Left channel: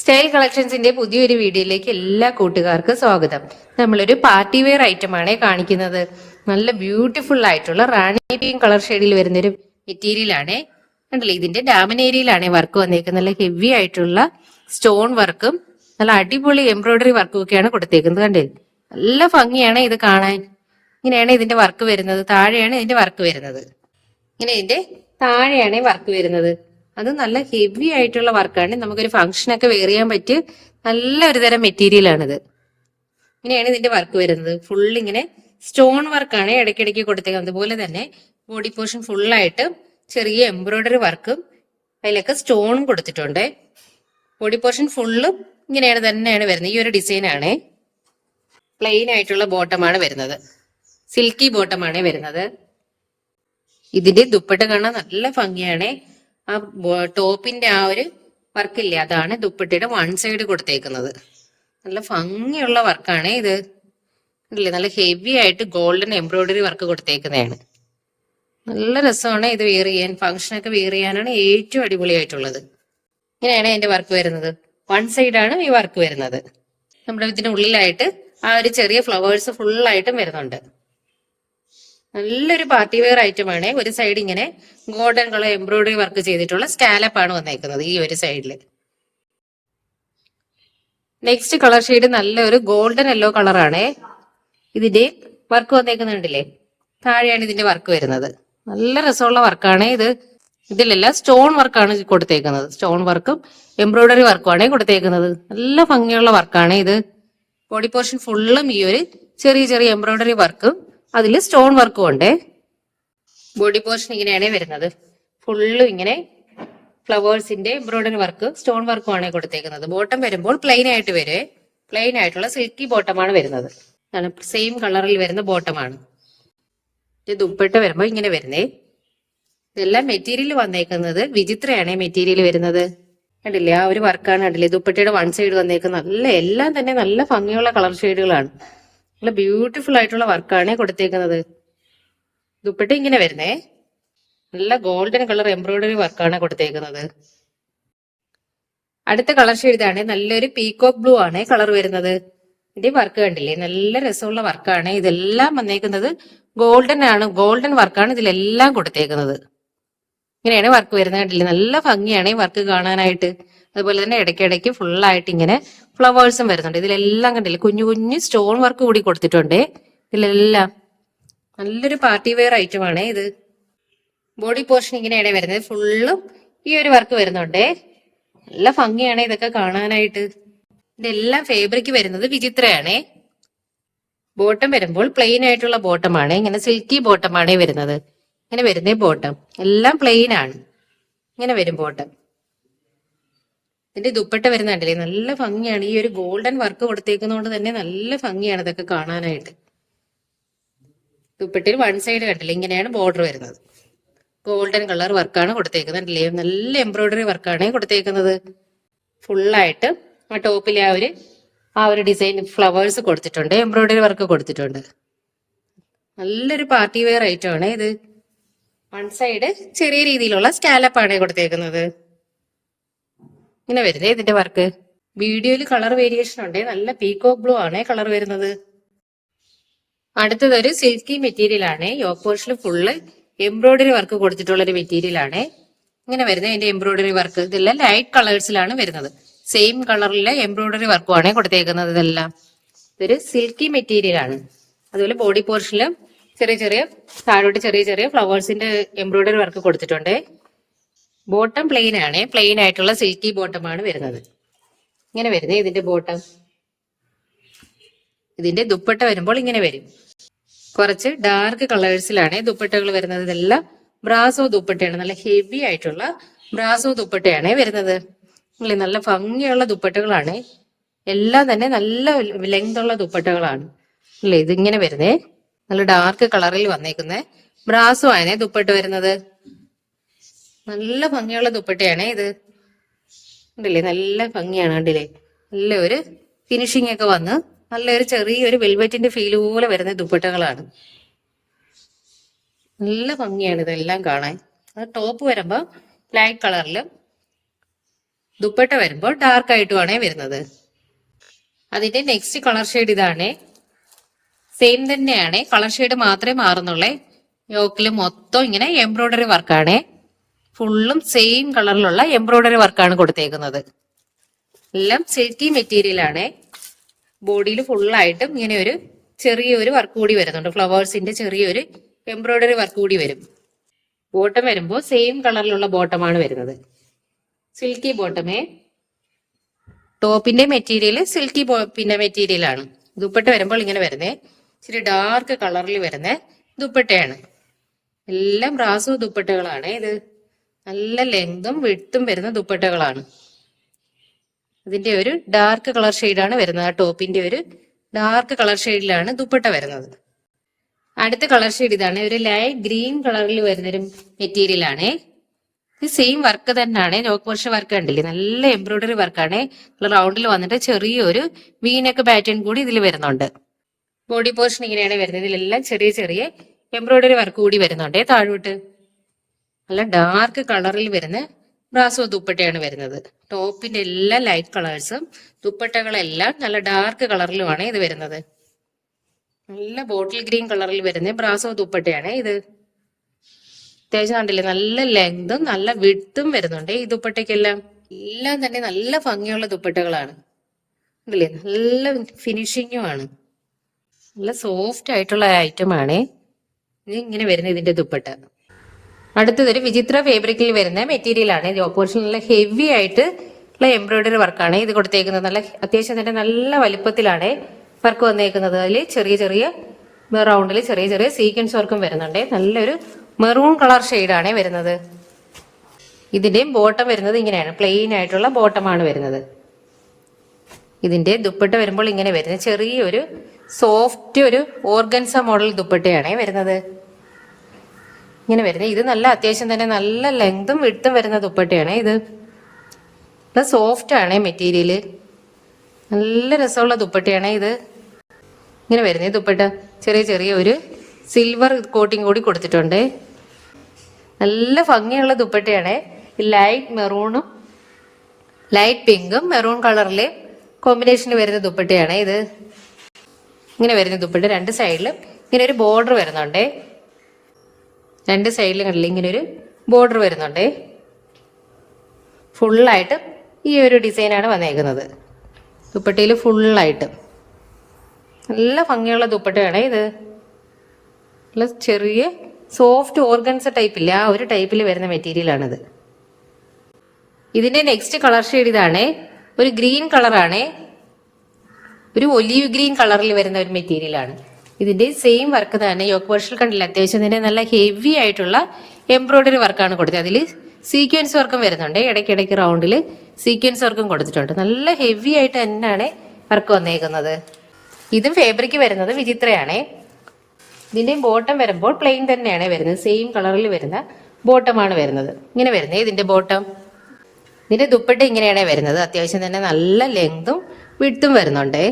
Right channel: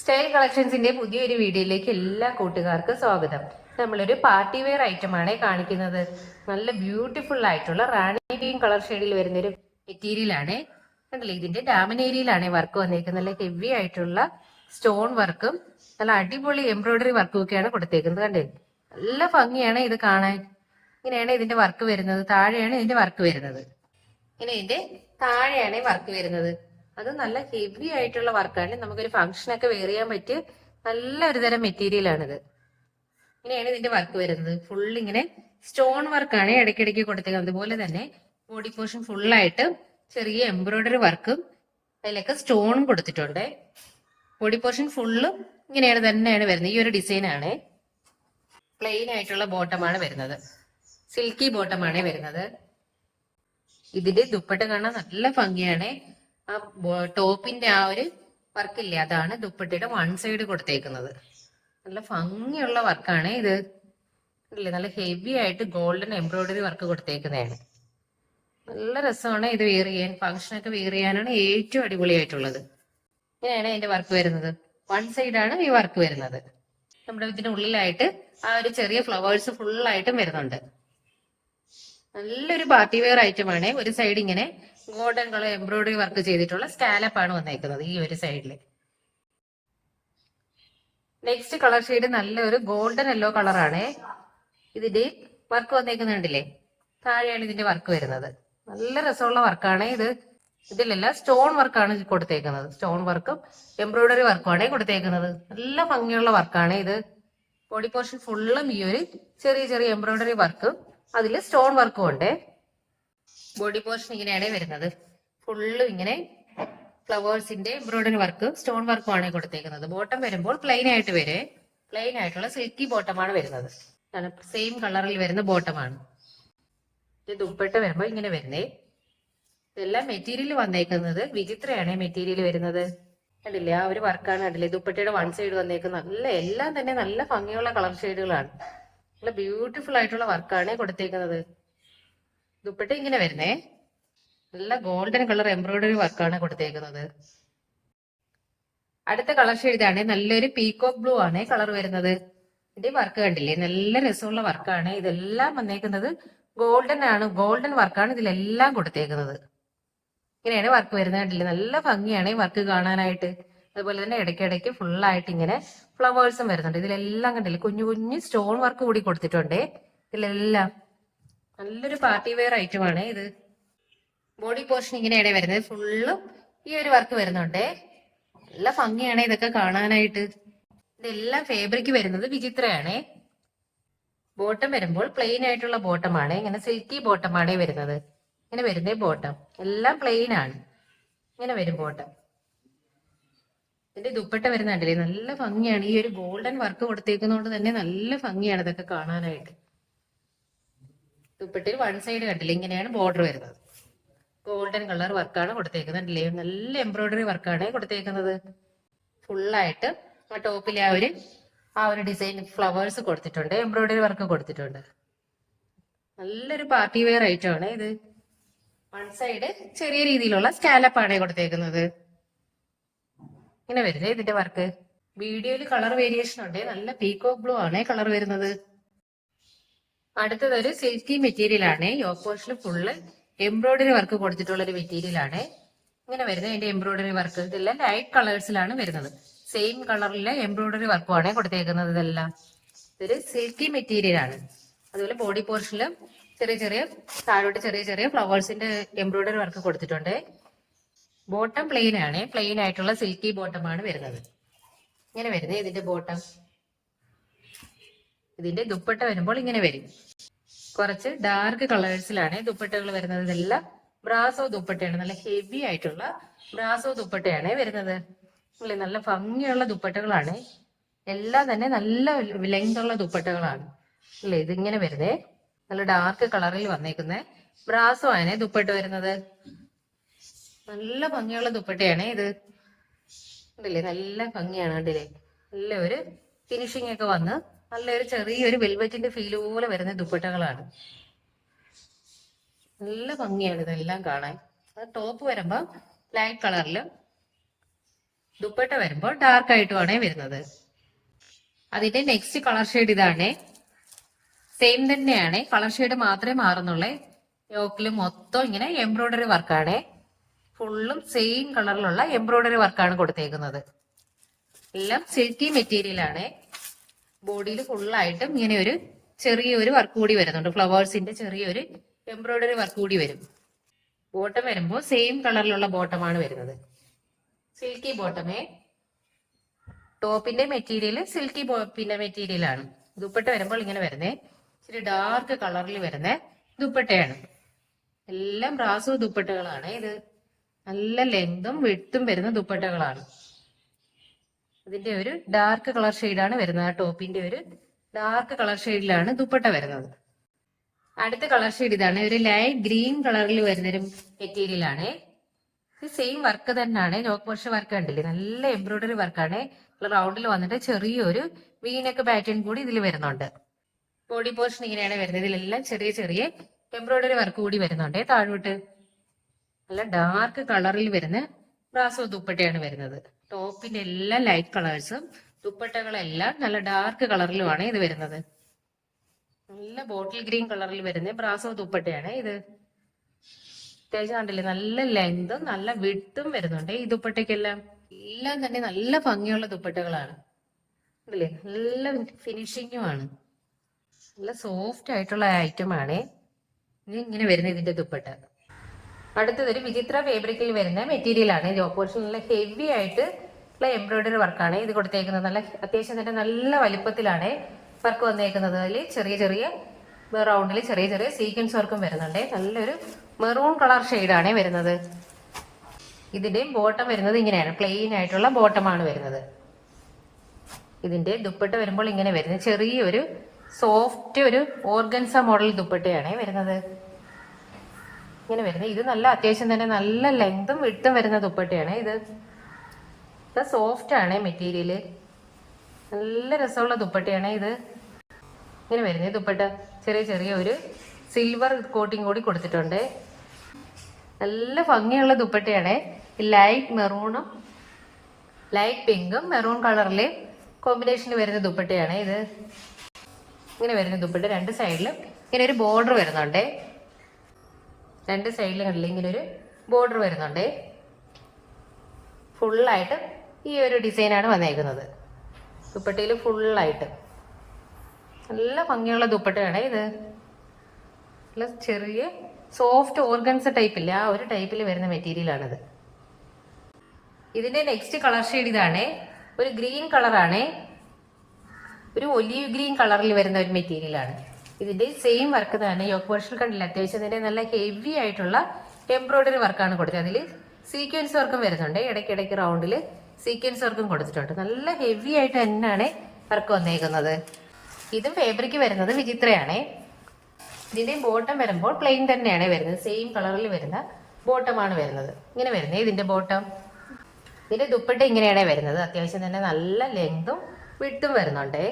Style കളക്ഷൻസിന്റെ പുതിയൊരു വീഡിയോയിലേക്ക് എല്ലാ കൂട്ടുകാർക്കും സ്വാഗതം. നമ്മളൊരു പാർട്ടി വെയർ ഐറ്റം ആണ് കാണിക്കുന്നത്. നല്ല ബ്യൂട്ടിഫുൾ ആയിട്ടുള്ള റാണി പിങ്ക് കളർ ഷെയ്ഡിൽ വരുന്നൊരു മെറ്റീരിയൽ ആണ്. കണ്ടില്ലേ, ഇതിന്റെ ഡാമിനേരിയിലാണ് വർക്ക് വന്നേക്കുന്നത്. നല്ല ഹെവി ആയിട്ടുള്ള സ്റ്റോൺ വർക്കും നല്ല അടിപൊളി എംബ്രോയിഡറി വർക്കും ഒക്കെയാണ് കൊടുത്തേക്കുന്നത്. കണ്ടേ, നല്ല ഭംഗിയാണ് ഇത് കാണാൻ. ഇങ്ങനെയാണ് ഇതിന്റെ വർക്ക് വരുന്നത്. താഴെയാണ് ഇതിന്റെ വർക്ക് വരുന്നത്. ഇങ്ങനെ ഇതിന്റെ താഴെയാണ് വർക്ക് വരുന്നത്. അത് നല്ല ഹെവി ആയിട്ടുള്ള വർക്കാണ്. നമുക്കൊരു ഫംഗ്ഷനൊക്കെ വെയർ ചെയ്യാൻ പറ്റിയ നല്ലൊരു തരം മെറ്റീരിയൽ ആണിത്. ഇങ്ങനെയാണ് ഇതിന്റെ വർക്ക് വരുന്നത്. ഫുൾ ഇങ്ങനെ സ്റ്റോൺ വർക്കാണ് ഇടയ്ക്കിടയ്ക്ക് കൊടുത്തേക്കുന്നത്. അതുപോലെ തന്നെ ബോഡി പോർഷൻ ഫുള്ളായിട്ട് ചെറിയ എംബ്രോയിഡറി വർക്കും അതിലൊക്കെ സ്റ്റോൺ കൊടുത്തിട്ടുണ്ട്. ബോഡി പോർഷൻ ഫുള്ളും ഇങ്ങനെയാണ് തന്നെയാണ് വരുന്നത്. ഈ ഒരു ഡിസൈൻ ആണ്. പ്ലെയിൻ ആയിട്ടുള്ള ബോട്ടമാണ് വരുന്നത്. സിൽക്കി ബോട്ടമാണ് വരുന്നത്. ഇതിന്റെ ദുപ്പട്ട കാണാൻ നല്ല ഭംഗിയാണ്. ആ ടോപ്പിന്റെ ആ ഒരു വർക്കില്ലേ, അതാണ് ദുപ്പട്ടയുടെ വൺ സൈഡ് കൊടുത്തേക്കുന്നത്. നല്ല ഭംഗിയുള്ള വർക്കാണ് ഇത്. അല്ലേ, നല്ല ഹെവി ആയിട്ട് ഗോൾഡൻ എംബ്രോയിഡറി വർക്ക് കൊടുത്തേക്കുന്നതാണ്. നല്ല രസമാണ് ഇത് വെയർ ചെയ്യാൻ. ഫംഗ്ഷനൊക്കെ വെയർ ചെയ്യാനാണ് ഏറ്റവും അടിപൊളിയായിട്ടുള്ളത്. ഇങ്ങനെയാണ് അതിന്റെ വർക്ക് വരുന്നത്. വൺ സൈഡാണ് ഈ വർക്ക് വരുന്നത്. നമ്മുടെ ഇതിന്റെ ഉള്ളിലായിട്ട് ആ ഒരു ചെറിയ ഫ്ലവേഴ്സ് ഫുള്ളായിട്ടും വരുന്നുണ്ട്. നല്ലൊരു പാർട്ടി വെയർ ഐറ്റമാണ്. ഒരു സൈഡ് ഇങ്ങനെ ഗോൾഡൻ കളർ എംബ്രോയിഡറി വർക്ക് ചെയ്തിട്ടുള്ള സ്കാലപ്പ് ആണ് വന്നേക്കുന്നത് ഈ ഒരു സൈഡില്. നെക്സ്റ്റ് കളർ ഷെയ്ഡ് നല്ലൊരു ഗോൾഡൻ യെല്ലോ കളറാണ്. ഇതിന്റെ വർക്ക് വന്നേക്കുന്നുണ്ടല്ലേ, താഴെയാണ് ഇതിന്റെ വർക്ക് വരുന്നത്. നല്ല രസമുള്ള വർക്കാണ് ഇത്. ഇതിലെല്ലാം സ്റ്റോൺ വർക്കാണ് കൊടുത്തേക്കുന്നത്. സ്റ്റോൺ വർക്കും എംബ്രോയിഡറി വർക്കുമാണ് കൊടുത്തേക്കുന്നത്. നല്ല ഭംഗിയുള്ള വർക്കാണ് ഇത്. ബോഡി പോർഷൻ ഫുള്ളും ഈ ഒരു ചെറിയ ചെറിയ എംബ്രോയിഡറി വർക്കും അതിൽ സ്റ്റോൺ വർക്കും ഉണ്ട്. ബോഡി പോർഷൻ ഇങ്ങനെയാണ് വരുന്നത്. ഫുള്ളും ഇങ്ങനെ ഫ്ലവേഴ്സിന്റെ എംബ്രോയിഡറി വർക്ക് സ്റ്റോൺ വർക്കും ആണ് കൊടുത്തേക്കുന്നത്. ബോട്ടം വരുമ്പോൾ പ്ലെയിൻ ആയിട്ട് വരെ പ്ലെയിൻ ആയിട്ടുള്ള സിൽക്കി ബോട്ടമാണ് വരുന്നത്. സെയിം കളറിൽ വരുന്ന ബോട്ടമാണ്. ദുപ്പട്ട വരുമ്പോൾ ഇങ്ങനെ വരുന്നേ. ഇതെല്ലാം മെറ്റീരിയൽ വന്നേക്കുന്നത് വിചിത്രയാണ് മെറ്റീരിയൽ വരുന്നത്. കണ്ടില്ലേ, ആ ഒരു വർക്കാണ്. കണ്ടില്ലേ, ദുപ്പട്ടയുടെ വൺ സൈഡ് വന്നേക്കുന്നത്. നല്ല എല്ലാം തന്നെ നല്ല ഭംഗിയുള്ള കളർ ഷെയ്ഡുകളാണ്. നല്ല ബ്യൂട്ടിഫുൾ ആയിട്ടുള്ള വർക്കാണ് കൊടുത്തേക്കുന്നത്. ദുപ്പട്ട ഇങ്ങനെ വരുന്നേ. നല്ല ഗോൾഡൻ കളർ എംബ്രോയിഡറി വർക്കാണ് കൊടുത്തേക്കുന്നത്. അടുത്ത കളർ ഷെയ്ഡാണ് നല്ലൊരു പീകോക്ക് ബ്ലൂ ആണ് കളർ വരുന്നത്. ഇതിന്റെ വർക്ക് കണ്ടില്ലേ, നല്ല രസമുള്ള വർക്കാണ്. ഇതെല്ലാം വന്നേക്കുന്നത് ഗോൾഡൻ ആണ്. ഗോൾഡൻ വർക്കാണ് ഇതിലെല്ലാം കൊടുത്തേക്കുന്നത്. ഇങ്ങനെയാണ് വർക്ക് വരുന്നത്. കണ്ടില്ലേ, നല്ല ഭംഗിയാണ് ഈ വർക്ക് കാണാനായിട്ട്. അതുപോലെ തന്നെ ഇടയ്ക്കിടയ്ക്ക് ഫുള്ളായിട്ട് ഇങ്ങനെ ഫ്ലവേഴ്സും വരുന്നുണ്ട്. ഇതിലെല്ലാം കണ്ടില്ലേ, കുഞ്ഞു കുഞ്ഞു സ്റ്റോൺ വർക്ക് കൂടി കൊടുത്തിട്ടുണ്ട് ഇതിലെല്ലാം. നല്ലൊരു പാർട്ടി വെയർ ഐറ്റം ആണ് ഇത്. ബോഡി പോർഷൻ ഇങ്ങനെയാണ് വരുന്നത്. ഫുള്ളും ഈ ഒരു വർക്ക് വരുന്നുണ്ട്. നല്ല ഭംഗിയാണ് ഇതൊക്കെ കാണാനായിട്ട്. ഇതെല്ലാം ഫാബ്രിക് വരുന്നത് വിചിത്രയാണ്. ബോട്ടം വരുമ്പോൾ പ്ലെയിൻ ആയിട്ടുള്ള ബോട്ടമാണ്. ഇങ്ങനെ സിൽക്കി ബോട്ടമാണ് വരുന്നത്. ഇങ്ങനെ വരുന്നേ ബോട്ടം. എല്ലാം പ്ലെയിൻ ആണ്. ഇങ്ങനെ വരും ബോട്ടം. ഇതിന്റെ ദുപ്പട്ട വരുന്ന കണ്ടില്ലേ, നല്ല ഭംഗിയാണ്. ഈ ഒരു ഗോൾഡൻ വർക്ക് കൊടുത്തേക്കുന്നതുകൊണ്ട് തന്നെ നല്ല ഭംഗിയാണ് ഇതൊക്കെ കാണാനായിട്ട്. ദുപ്പട്ടയിൽ വൺ സൈഡ് കണ്ടില്ലേ, ഇങ്ങനെയാണ് ബോർഡർ വരുന്നത്. ഗോൾഡൻ കളർ വർക്കാണ് കൊടുത്തേക്കുന്നത്. കണ്ടില്ലേ, നല്ല എംബ്രോയിഡറി വർക്കാണ് കൊടുത്തേക്കുന്നത്. ഫുള്ളായിട്ട് ആ ടോപ്പിലെ ആ ഒരു ഡിസൈൻ ഫ്ലവേഴ്സ് കൊടുത്തിട്ടുണ്ട്. എംബ്രോയിഡറി വർക്ക് കൊടുത്തിട്ടുണ്ട്. നല്ലൊരു പാർട്ടി വെയർ ഐറ്റം ആണ് ഇത്. വൺ സൈഡ് ചെറിയ രീതിയിലുള്ള സ്കാലപ്പാണ് കൊടുത്തേക്കുന്നത്. ഇങ്ങനെ വരുന്നേ ഇതിന്റെ വർക്ക്. വീഡിയോയിൽ കളർ വേരിയേഷൻ ഉണ്ട്. നല്ല പീകോക്ക് ബ്ലൂ ആണ് കളർ വരുന്നത്. അടുത്തതൊരു സിൽക്കി മെറ്റീരിയൽ ആണ്. യോക്ക് പോർഷനിൽ ഫുള്ള് എംബ്രോയിഡറി വർക്ക് കൊടുത്തിട്ടുള്ള ഒരു മെറ്റീരിയൽ ആണ്. ഇങ്ങനെ വരുന്നത് ഇതിന്റെ എംബ്രോയിഡറി വർക്ക്. ഇതെല്ലാം ലൈറ്റ് കളേഴ്സിലാണ് വരുന്നത്. സെയിം കളറിലെ എംബ്രോയിഡറി വർക്കുമാണ് കൊടുത്തേക്കുന്നത്. ഇതെല്ലാം ഇതൊരു സിൽക്കി മെറ്റീരിയൽ ആണ്. അതുപോലെ ബോഡി പോർഷനിലും ചെറിയ ചെറിയ താഴോട്ട് ചെറിയ ചെറിയ ഫ്ലവേഴ്സിന്റെ എംബ്രോയിഡറി വർക്ക് കൊടുത്തിട്ടുണ്ട്. ബോട്ടം പ്ലെയിൻ ആണ്. പ്ലെയിൻ ആയിട്ടുള്ള സിൽക്കി ബോട്ടമാണ് വരുന്നത്. ഇങ്ങനെ വരുന്നത് ഇതിന്റെ ബോട്ടം. ഇതിന്റെ ദുപ്പട്ട വരുമ്പോൾ ഇങ്ങനെ വരും. കുറച്ച് ഡാർക്ക് കളേഴ്സിലാണ് ദുപ്പട്ടകൾ വരുന്നത്. ഇതെല്ലാം ബ്രാസോ ദുപ്പട്ടയാണ്. നല്ല ഹെവി ആയിട്ടുള്ള ബ്രാസോ ദുപ്പട്ടയാണ് വരുന്നത്. നല്ല ഭംഗിയുള്ള ദുപ്പട്ടകളാണ്. എല്ലാം തന്നെ നല്ല ലെങ്ത് ഉള്ള ദുപ്പട്ടകളാണ് അല്ലേ. ഇതിങ്ങനെ വരുന്നേ നല്ല ഡാർക്ക് കളറിൽ വന്നേക്കുന്ന ബ്രാസോ ആണ് ദുപ്പട്ട വരുന്നത്. നല്ല ഭംഗിയുള്ള ദുപ്പട്ടയാണ് ഇത്. കണ്ടില്ലേ, നല്ല ഭംഗിയാണ്. കണ്ടില്ലേ, നല്ല ഒരു ഫിനിഷിംഗ് ഒക്കെ വന്ന് നല്ലൊരു ചെറിയൊരു വെൽവെറ്റിന്റെ ഫീൽ പോലെ വരുന്ന ദുപ്പട്ടകളാണ്. നല്ല ഭംഗിയാണ് ഇതെല്ലാം കാണാൻ. അത് ടോപ്പ് വരുമ്പോൾ ലൈറ്റ് കളറിലും ദുപ്പട്ട വരുമ്പോൾ ഡാർക്ക് ആയിട്ടുമാണ് വരുന്നത്. അതിന്റെ നെക്സ്റ്റ് കളർ ഷെയ്ഡ് ഇതാണ്. സെയിം തന്നെയാണ്, കളർ ഷെയ്ഡ് മാത്രമേ മാറുന്നുള്ളേ. യോക്കില് മൊത്തം ഇങ്ങനെ എംബ്രോയിഡറി വർക്കാണ്. ഫുള്ളും സെയിം കളറിലുള്ള എംബ്രോയിഡറി വർക്കാണ് കൊടുത്തേക്കുന്നത്. എല്ലാം സിൽക്കി മെറ്റീരിയൽ ആണ്. ബോഡിയിൽ ഫുള്ളായിട്ടും ഇങ്ങനെ ഒരു ചെറിയൊരു വർക്ക് കൂടി വരുന്നുണ്ട്. ഫ്ലവേഴ്സിന്റെ ചെറിയൊരു എംബ്രോയിഡറി വർക്ക് കൂടി വരും. ബോട്ടം വരുമ്പോൾ സെയിം കളറിലുള്ള ബോട്ടമാണ് വരുന്നത്. സിൽക്കി ബോട്ടമേ. ടോപ്പിന്റെ മെറ്റീരിയൽ സിൽക്കി പിന്നെ മെറ്റീരിയൽ ആണ്. ദുപ്പട്ട വരുമ്പോൾ ഇങ്ങനെ വരുന്നേ ഇച്ചിരി ഡാർക്ക് കളറിൽ വരുന്ന ദുപ്പട്ടയാണ്. എല്ലാം ബ്രാസോ ദുപ്പട്ടകളാണ്. ഇത് നല്ല ലെങ്തും വിഡ്ത്തും വരുന്ന ദുപ്പട്ടകളാണ്. ഇതിന്റെ ഒരു ഡാർക്ക് കളർ ഷെയ്ഡാണ് വരുന്നത്. ആ ടോപ്പിന്റെ ഒരു ഡാർക്ക് കളർ ഷെയ്ഡിലാണ് ദുപ്പട്ട വരുന്നത്. അടുത്ത കളർ ഷെയ്ഡ് ഇതാണ്. ഒരു ലൈറ്റ് ഗ്രീൻ കളറിൽ വരുന്നൊരു മെറ്റീരിയൽ ആണ്. ഇത് സെയിം വർക്ക് തന്നെയാണ്. യോക്ക് പോർഷൻ വർക്ക് കണ്ടില്ലേ, നല്ല എംബ്രോയിഡറി വർക്കാണ്. റൗണ്ടിൽ വന്നിട്ട് ചെറിയൊരു വീനക്ക് പാറ്റേൺ കൂടി ഇതിൽ വരുന്നുണ്ട്. ബോഡി പോർഷൻ ഇങ്ങനെയാണ് വരുന്നത്. ഇതിലെല്ലാം ചെറിയ ചെറിയ എംബ്രോയിഡറി വർക്ക് കൂടി വരുന്നുണ്ട്. താഴോട്ട് നല്ല ഡാർക്ക് കളറിൽ വരുന്ന ബ്രാസോ ദുപ്പട്ടയാണ് വരുന്നത്. ടോപ്പിന്റെ എല്ലാ ലൈറ്റ് കളേഴ്സും ദുപ്പട്ടകളെല്ലാം നല്ല ഡാർക്ക് കളറിലുമാണ് ഇത് വരുന്നത്. നല്ല ബോട്ടിൽ ഗ്രീൻ കളറിൽ വരുന്ന ബ്രാസോ ദുപ്പട്ടയാണ് ഇത്. അത്യാവശ്യം കണ്ടില്ലേ, നല്ല ലെങ്തും നല്ല വിഡ്ത്തും വരുന്നുണ്ട് ഈ ദുപ്പട്ടയ്ക്കെല്ലാം. എല്ലാം തന്നെ നല്ല ഭംഗിയുള്ള ദുപ്പട്ടകളാണ്. കണ്ടില്ലേ, നല്ല ഫിനിഷിങ്ങും ആണ്. നല്ല സോഫ്റ്റ് ആയിട്ടുള്ള ഐറ്റം ആണ് ഇങ്ങനെ വരുന്ന ഇതിന്റെ ദുപ്പട്ട. അടുത്തതൊരു വിചിത്ര ഫാബ്രിക്കിൽ വരുന്ന മെറ്റീരിയൽ ആണ്. ഇത് ഓപ്പോസിഷൻ നല്ല ഹെവി ആയിട്ട് ഉള്ള എംബ്രോയിഡറി വർക്കാണ് ഇത് കൊടുത്തേക്കുന്നത്. നല്ല അത്യാവശ്യം തന്നെ നല്ല വലുപ്പത്തിലാണ് വർക്ക് വന്നേക്കുന്നത്. അതിൽ ചെറിയ ചെറിയ റൗണ്ടിൽ ചെറിയ ചെറിയ സീക്വൻസ് വർക്കും വരുന്നുണ്ട്. നല്ലൊരു മെറൂൺ കളർ ഷെയ്ഡാണ് വരുന്നത്. ഇതിന്റെയും ബോട്ടം വരുന്നത് ഇങ്ങനെയാണ്, പ്ലെയിൻ ആയിട്ടുള്ള ബോട്ടമാണ് വരുന്നത്. ഇതിന്റെ ദുപ്പട്ട വരുമ്പോൾ ഇങ്ങനെ വരുന്നത് ചെറിയൊരു സോഫ്റ്റ് ഒരു ഓർഗൻസ മോഡൽ ദുപ്പട്ടയാണ് വരുന്നത്. ഇങ്ങനെ വരുന്നത്. ഇത് നല്ല അത്യാവശ്യം തന്നെ നല്ല ലെങ്തും വിഡ്ത്തും വരുന്ന ദുപ്പട്ടയാണ് ഇത്. പ്ലസ് സോഫ്റ്റ് ആണ് മെറ്റീരിയൽ. നല്ല രസമുള്ള ദുപ്പട്ടയാണ് ഇത്. ഇങ്ങനെ വരുന്നത് ദുപ്പട്ട ചെറിയ ചെറിയ ഒരു സിൽവർ കോട്ടിങ് കൂടി കൊടുത്തിട്ടുണ്ട്. നല്ല ഭംഗിയുള്ള ദുപ്പട്ടയാണ്. ലൈറ്റ് മെറൂണും ലൈറ്റ് പിങ്കും മെറൂൺ കളറിലെ കോമ്പിനേഷനിൽ വരുന്ന ദുപ്പട്ടയാണ് ഇത്. ഇങ്ങനെ വരുന്ന ദുപ്പട്ട രണ്ട് സൈഡിലും ഇങ്ങനെ ഒരു ബോർഡർ വരുന്നുണ്ട്. രണ്ട് സൈഡിലും കണ്ടില്ല ഇങ്ങനെ ഒരു ബോർഡർ വരുന്നുണ്ട്. ഫുള്ളായിട്ട് ഈ ഒരു ഡിസൈനാണ് വന്നേക്കുന്നത് ദുപ്പട്ടയിൽ ഫുള്ളായിട്ട്. നല്ല ഭംഗിയുള്ള ദുപ്പട്ടയാണ് ഇത്. നല്ല ചെറിയ സോഫ്റ്റ് ഓർഗൻസ ടൈപ്പില്ല, ആ ഒരു ടൈപ്പിൽ വരുന്ന മെറ്റീരിയലാണിത്. ഇതിന്റെ നെക്സ്റ്റ് കളർ ഷെയ്ഡ് ഇതാണ്. ഒരു ഗ്രീൻ കളറാണ്, ഒരു ഒലീവ് ഗ്രീൻ കളറിൽ വരുന്ന ഒരു മെറ്റീരിയലാണ്. ഇതിന്റെ സെയിം വർക്ക് തന്നെ യോക്ക് പോർഷൻ കണ്ടില്ല, അത്യാവശ്യം തന്നെ നല്ല ഹെവി ആയിട്ടുള്ള എംബ്രോയിഡറി വർക്കാണ് കൊടുത്തത്. അതിൽ സീക്വൻസ് വർക്കും വരുന്നുണ്ട്. ഇടയ്ക്കിടയ്ക്ക് റൗണ്ടിൽ സീക്വൻസ് വർക്കും കൊടുത്തിട്ടുണ്ട്. നല്ല ഹെവി ആയിട്ട് തന്നെയാണ് വർക്ക് വന്നേക്കുന്നത്. ഇതും ഫാബ്രിക് വരുന്നത് വിചിത്രയാണ്. ഇതിന്റെ ബോട്ടം വരുമ്പോൾ പ്ലെയിൻ തന്നെയാണ് വരുന്നത്. സെയിം കളറിൽ വരുന്ന ബോട്ടമാണ് വരുന്നത്. ഇങ്ങനെ വരുന്നത് ഇതിന്റെ ബോട്ടം. ഇതിന്റെ ദുപ്പട്ട ഇങ്ങനെയാണ് വരുന്നത്. അത്യാവശ്യം തന്നെ നല്ല ലെങ്തും വിഡ്ത്തും വരുന്നുണ്ട്.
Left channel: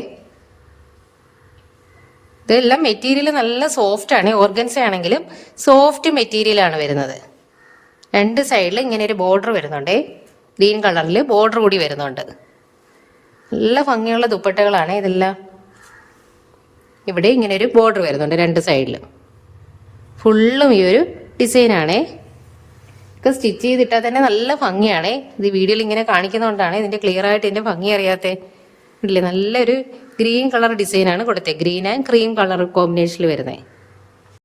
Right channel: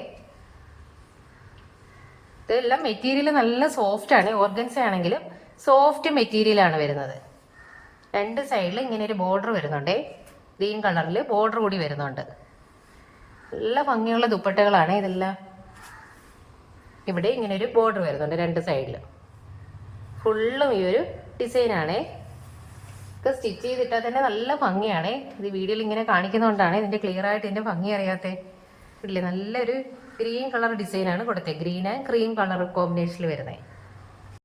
ഇതെല്ലാം മെറ്റീരിയൽ നല്ല സോഫ്റ്റ് ആണ്. ഓർഗൻസ ആണെങ്കിലും സോഫ്റ്റ് മെറ്റീരിയൽ ആണ് വരുന്നത്. രണ്ട് സൈഡിൽ ഇങ്ങനെ ഒരു ബോർഡർ വരുന്നുണ്ട്. ഗ്രീൻ കളറിൽ ബോർഡർ കൂടി വരുന്നുണ്ട്. നല്ല ഭംഗിയുള്ള ദുപ്പട്ടകളാണ് ഇതെല്ലാം. ഇവിടെ ഇങ്ങനെ ഒരു ബോർഡർ വരുന്നുണ്ട് രണ്ട് സൈഡിലും. ഫുള്ളും ഈ ഒരു ഡിസൈനാണ്. ഒക്കെ സ്റ്റിച്ച് ചെയ്തിട്ടാൽ തന്നെ നല്ല ഭംഗിയാണ്. ഇത് വീഡിയോയിൽ ഇങ്ങനെ കാണിക്കുന്നതുകൊണ്ടാണ് ഇതിന്റെ ക്ലിയർ ആയിട്ട് ഇതിന്റെ ഭംഗി അറിയാത്തത്. ഇല്ലേ, നല്ലൊരു ഗ്രീൻ കളർ ഡിസൈനാണ് കൊടുത്തത്. ഗ്രീൻ ആൻഡ് ക്രീം കളർ കോമ്പിനേഷനിൽ വരുന്നത്.